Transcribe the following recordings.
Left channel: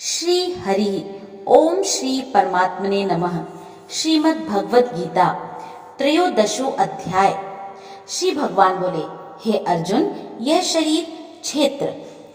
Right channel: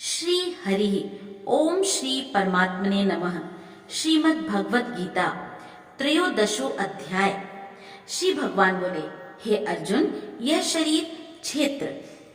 श्री हरि ओम श्री परमात्मने नमः। श्रीमद् भगवत गीता त्रयोदशो अध्याय। श्री भगवान बोले, हे अर्जुन, यह शरीर क्षेत्र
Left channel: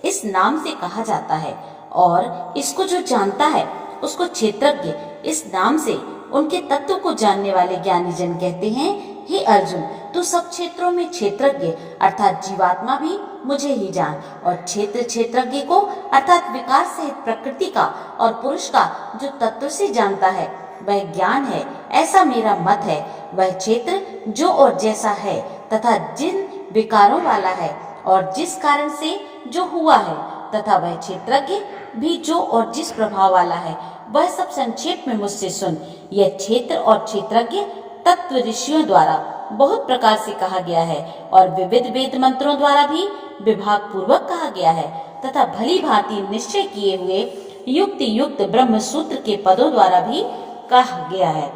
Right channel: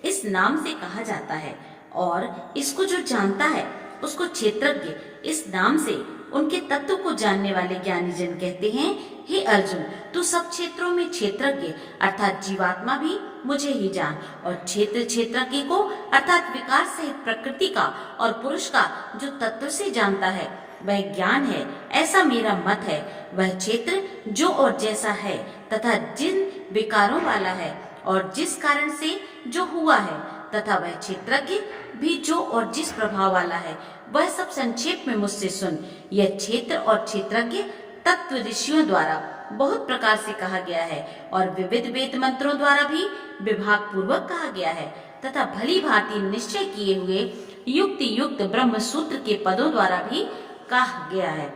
इस नाम से कहा जाता है और इसको जो जानता है उसको क्षेत्रज्ञ इस नाम से उनके तत्व को जानने वाले ज्ञानी जन कहते हैं। हे अर्जुन, तू सब क्षेत्रों में क्षेत्रज्ञ अर्थात जीवात्मा भी मुझे ही जान, और क्षेत्रज्ञ को अर्थात विकार सहित प्रकृति का और पुरुष का जो तत्व से जानता है वह ज्ञान है, ऐसा मेरा मत है। वह क्षेत्र जो और जैसा है तथा जिन विकारों वाला है और जिस कारण से जो हुआ है, तथा वह क्षेत्रज्ञ भी जो और जिस प्रभाव वाला है, वह सब संक्षेप में मुझसे सुन। यह क्षेत्र और क्षेत्रज्ञ तत्व ऋषियों द्वारा बहुत प्रकार से कहा गया है और विविध वेद मंत्रों द्वारा भी विभाग पूर्वक कहा गया है, तथा भली भांति निश्चय किए हुए युक्ति युक्त ब्रह्म सूत्र के पदों द्वारा भी कहा गया है।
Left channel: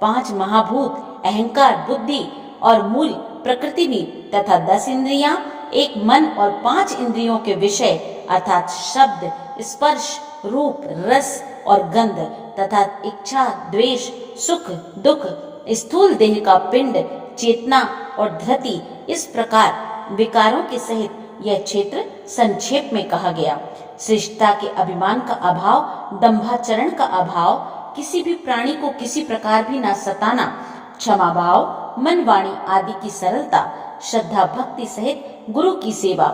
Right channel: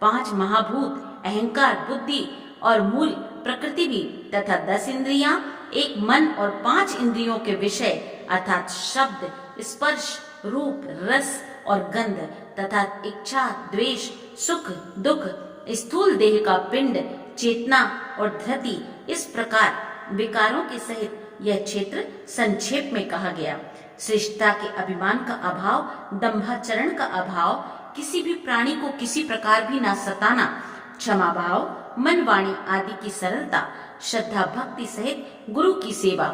5 महाभूत, अहंकार, बुद्धि और मूल प्रकृति भी, तथा 10 इंद्रियां, एक मन और 5 इंद्रियों के विषय अर्थात शब्द, स्पर्श, रूप, रस और गंध, तथा इच्छा, द्वेष, सुख, दुख, स्थूल देह का पिंड, चेतना और धृति, इस प्रकार विकारों के सहित यह क्षेत्र संक्षेप में कहा गया। श्रेष्ठता के अभिमान का अभाव, दंभाचरण का अभाव, किसी भी प्राणी को किसी प्रकार भी न सताना, क्षमा भाव, मन वाणी आदि की सरलता, श्रद्धा भक्ति सहित गुरु की सेवा,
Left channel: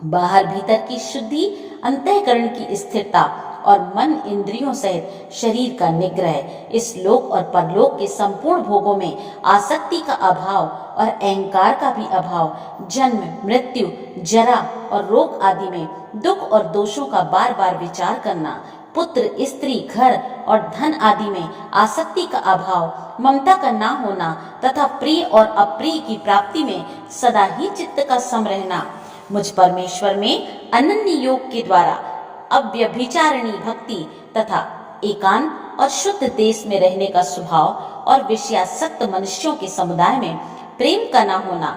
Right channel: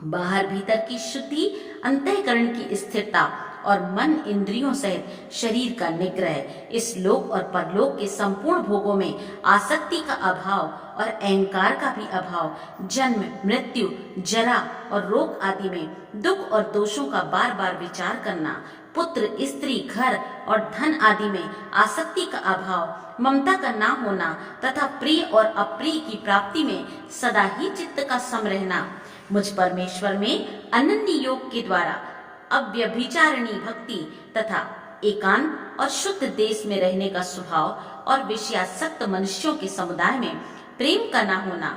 बाहर भीतर की शुद्धि, अंतःकरण की स्थिरता और मन इंद्रियों सहित शरीर का निग्रह, इस लोक और परलोक के संपूर्ण भोगों में आसक्ति का अभाव और अहंकार का भी अभाव, जन्म, मृत्यु, जरा और रोग आदि में दुख और दोषों का बार बार विचार करना, पुत्र, स्त्री, घर और धन आदि में आसक्ति का अभाव, ममता का ना होना, तथा प्रिय और अप्रिय की प्राप्ति में सदा ही चित्त का सम रहना, मुझ परमेश्वर में अनन्य योग के द्वारा अव्यभिचारिणी भक्ति तथा एकांत और शुद्ध देश में रहने का स्वभाव और विषयासक्त मनुष्यों के समुदाय में प्रेम का न होना,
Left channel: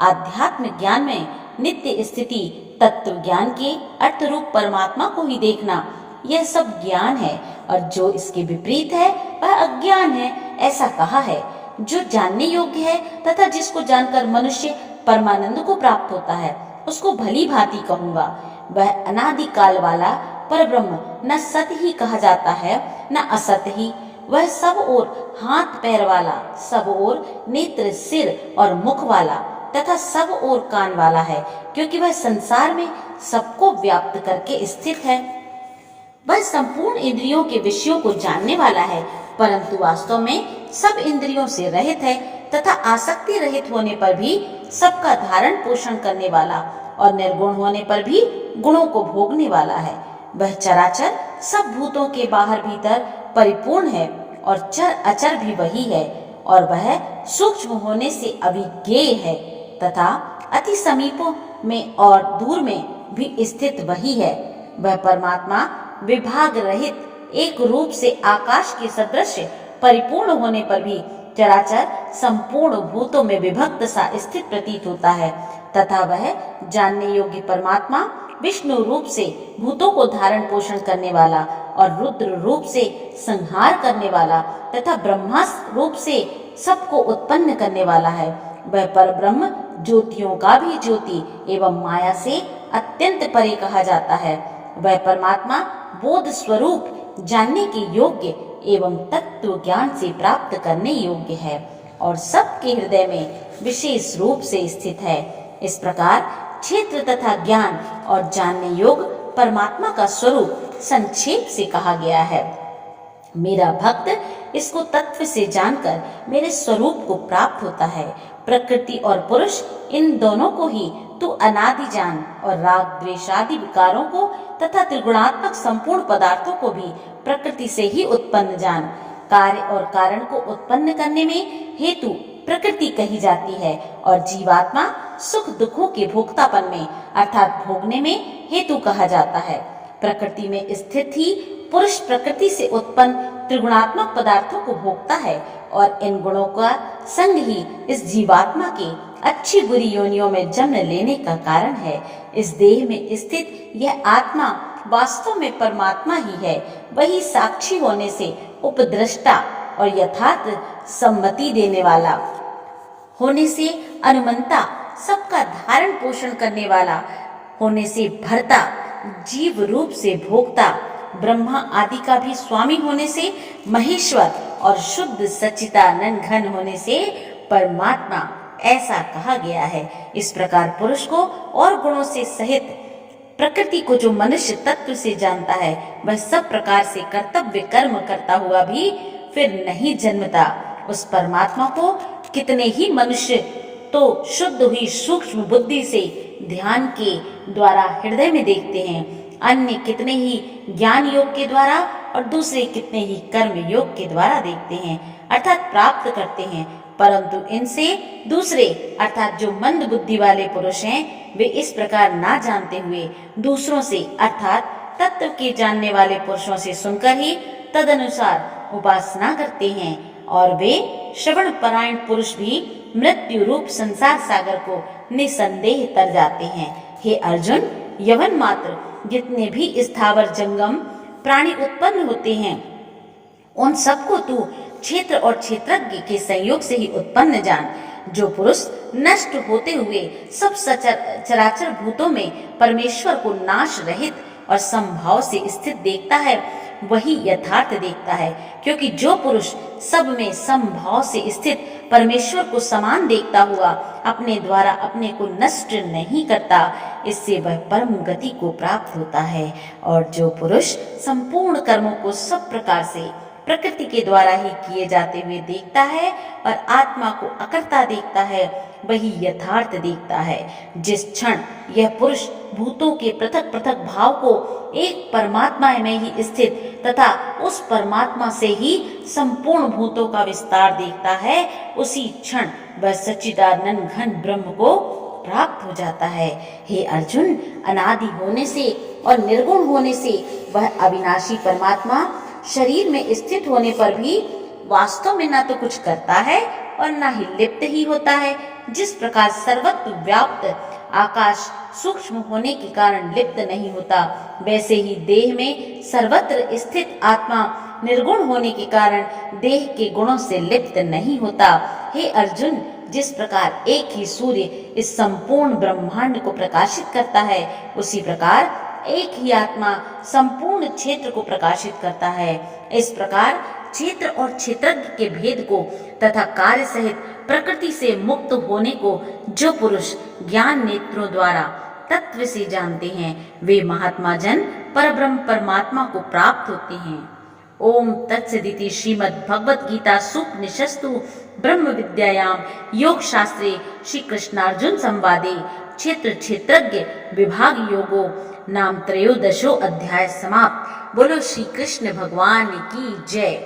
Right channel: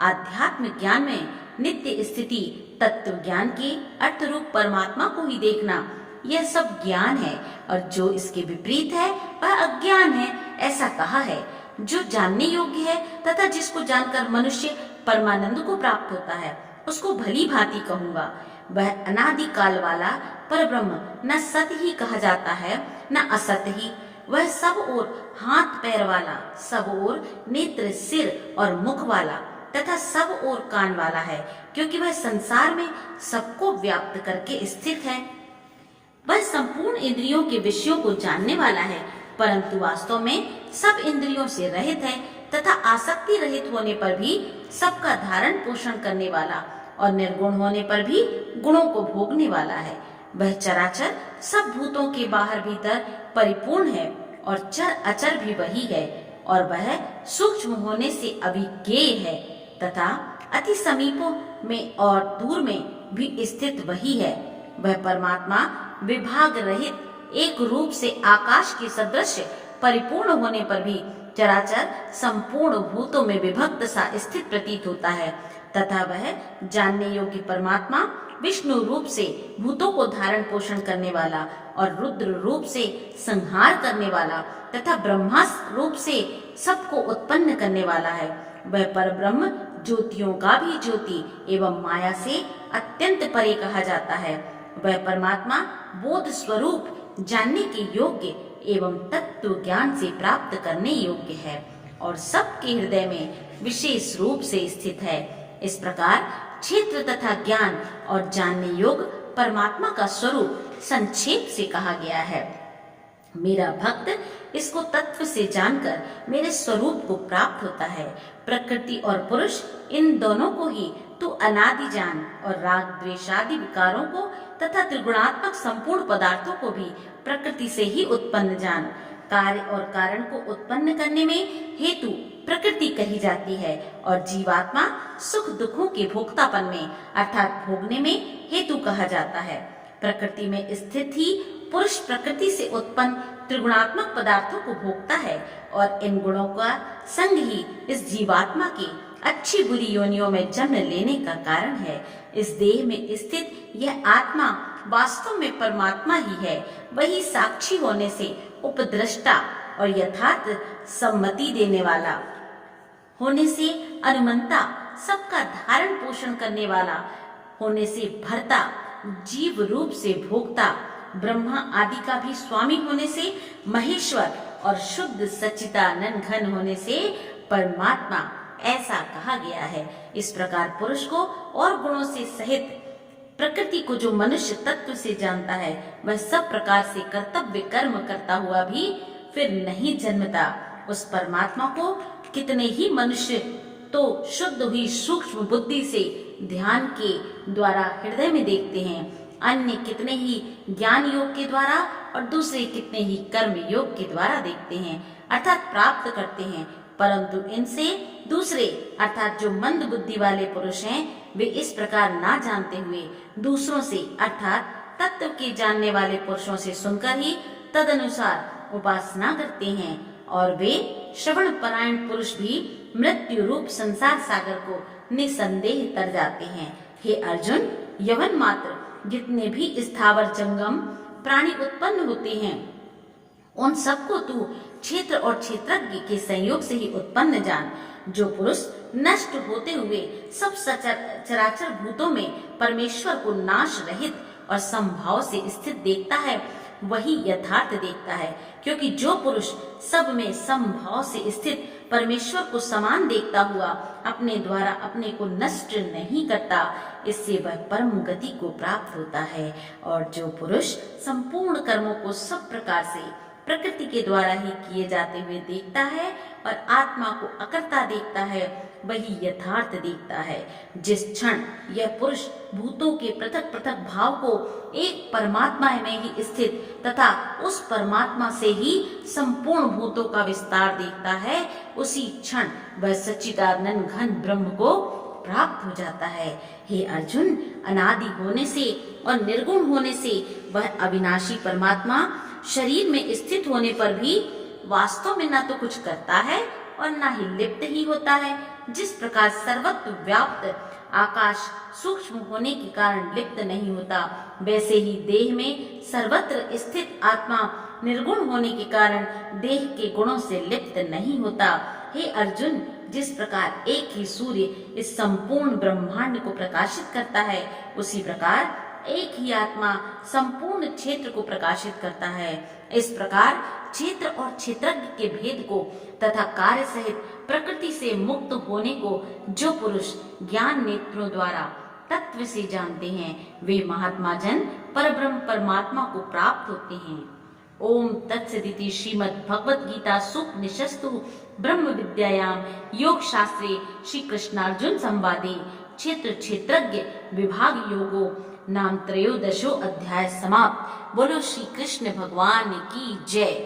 आध्यात्म ज्ञान में नित्य स्थिति, तत्व ज्ञान के अर्थ रूप परमात्मा को ही देखना, यह सब ज्ञान है, और जो इसके विपरीत है वह अज्ञान है, ऐसा कहा है। जो जानने योग्य है तथा जिसको जानकर मनुष्य परमानंद को प्राप्त होता है, उसको भली भांति कहूंगा। वह अनादि काल वाला परब्रह्म न सत ही कहा जाता है न असत ही। वह सब ओर हाथ पैर वाला, सब ओर नेत्र, सिर और मुख वाला तथा सब ओर कान वाला है, क्योंकि वह संसार में सबको व्याप्त करके स्थित है। वह संपूर्ण इंद्रियों के विषयों को जानने वाला है, परंतु वास्तव में सब इंद्रियों से रहित है, तथा आसक्ति रहित होने पर भी सबका धारण पोषण करने वाला और निर्गुण होने पर भी गुणों को भोगने वाला है। वह चराचर सब भूतों के बाहर भीतर परिपूर्ण है और चर अचर भी वही है, और वह सूक्ष्म होने से अविज्ञेय है तथा अति समीपों में और दूर में भी स्थित वही है। वह परमात्मा विभाग रहित एक रूप से आकाश के सदृश परिपूर्ण होने पर भी चराचर संपूर्ण भूतों में विभक्त सा स्थित प्रतीत होता है, तथा वह जानने योग्य परमात्मा विष्णु रूप से भूतों को धारण पोषण करने वाला और रुद्र रूप से संहार करने वाला तथा ब्रह्मा रूप से सबको उत्पन्न करने वाला है। वह परब्रह्म ज्योतियों का भी ज्योति एवं माया से अत्यंत परे कहा जाता है। वह परमात्मा बोध स्वरूप, जानने के योग्य एवं तत्व ज्ञान से प्राप्त करने योग्य है और सबके हृदय में विशेष रूप से स्थित है। इस प्रकार क्षेत्र तथा ज्ञान और जानने योग परमात्मा का स्वरूप संक्षेप से कहा गया है। मेरा भक्त इसको तत्व से जानकर मेरे स्वरूप को प्राप्त होता है। प्रकृति और पुरुष, इन दोनों को ही तू अनादि जान, और राग द्वेषादि विकारों को तथा त्रिगुणात्मक संपूर्ण पदार्थों को भी प्रकृति से ही उत्पन्न जान। कार्य और कारण को उत्पन्न करने में हेतु प्रकृति कही जाती है, और जीवात्मा सुख दुखों के भोक्तापन में अर्थात भोगने में हेतु कहा जाता है। प्रकृति में स्थित ही पुरुष प्रकृति से उत्पन्न त्रिगुणात्मक पदार्थों को भोगता है, और इन गुणों का संग ही इस जीवात्मा के अच्छी बुरी योनियों में जन्म लेने का कारण है। इस देह में स्थित यह आत्मा वास्तव में परमात्मा ही है। वही साक्षी होने से उपद्रष्टा और यथार्थ सम्मति देने वाला होने से अनुमंता, सबका धारण पोषण करने वाला होने से भरता, जीव रूप से भोक्ता, ब्रह्मा आदि का भी स्वामी होने से महेश्वर और शुद्ध सच्चिदानंद घन होने से परमात्मा ऐसा कहा गया है। इस प्रकार पुरुष को और गुणों से सहित प्रकृति को जो मनुष्य तत्व से जानता है, वह सब प्रकार से कर्तव्य कर्म करता हुआ भी फिर नहीं जन्मता। उस परमात्मा को कितने ही मनुष्य तो शुद्ध हुई सूक्ष्म बुद्धि से ध्यान के द्वारा हृदय में देखते हैं, अन्य कितने ही ज्ञान योग के द्वारा और दूसरे कितने ही कर्म योग के द्वारा देखते हैं, अर्थात प्राप्त करते हैं। परंतु इनसे दूसरे अर्थात जो मंद बुद्धि वाले पुरुष हैं, वे इस प्रकार ना जानते हुए दूसरों से अर्थात तत्व के जानने वाले पुरुषों से सुनकर ही तदनुसार उपासना करते हैं, और वे श्रवण परायण पुरुष भी मृत्यु रूप संसार सागर को निसंदेह तर जाते हैं। हे अर्जुन, यवन मात्र जितने भी स्थावर जंगम प्राणी उत्पन्न होते हैं, उन सबको तू क्षेत्र और क्षेत्रज्ञ के संयोग से ही उत्पन्न जान। जो पुरुष नष्ट होते हुए सब चराचर भूतों में परमेश्वर को नाश रहित और संभाव से स्थित देखता है, वही यथार्थ देखता है। क्योंकि जो पुरुष सब में संभाव से स्थित परमेश्वर को समान देखता हुआ अपने द्वारा अपने को नष्ट नहीं करता, इससे वह परम गति को प्राप्त होता है। और जो पुरुष संपूर्ण कर्मों को सब प्रकार से प्रकृति के द्वारा ही किए जाते हुए देखता है और आत्मा को अकर्ता देखता है, वही यथार्थ देखता है। जिस क्षण यह पुरुष भूतों के पृथक पृथक भाव को एक परमात्मा में ही स्थित तथा उस परमात्मा से ही संपूर्ण भूतों का विस्तार देखता है, उसी क्षण वह सच्चिदानंद घन ब्रह्म को प्राप्त हो जाता है। हे अर्जुन, अनादि होने से और निर्गुण होने से वह अविनाशी परमात्मा शरीर में स्थित होने पर भी वास्तव में ना तो कुछ करता है और ना ही लिप्त ही होता है। जिस प्रकार सर्वत्र व्याप्त आकाश सूक्ष्म होने के कारण लिप्त नहीं होता, वैसे ही देह में सर्वत्र स्थित आत्मा निर्गुण होने के कारण देह के गुणों से लिप्त नहीं होता। हे अर्जुन, जिस प्रकार एक ही सूर्य इस संपूर्ण ब्रह्मांड को प्रकाशित करता है, उसी प्रकार एक ही आत्मा संपूर्ण क्षेत्र को प्रकाशित करता है। इस प्रकार क्षेत्र और क्षेत्रज्ञ के भेद को तथा कार्य सहित प्रकृति से मुक्त होने को जो पुरुष ज्ञान नेत्रों द्वारा तत्व से जानते हैं, वे महात्मा जन परब्रह्म परमात्मा को प्राप्त होते हैं। ओम तत्सदिति श्रीमद् भगवत गीता सुपनिषत्सु ब्रह्म विद्यायाम योग शास्त्रे श्री कृष्णार्जुन संवादे क्षेत्र क्षेत्रज्ञ विभाग योगो नाम 13 अध्याय समाप्त। बोलो श्री कृष्ण भगवान की जय।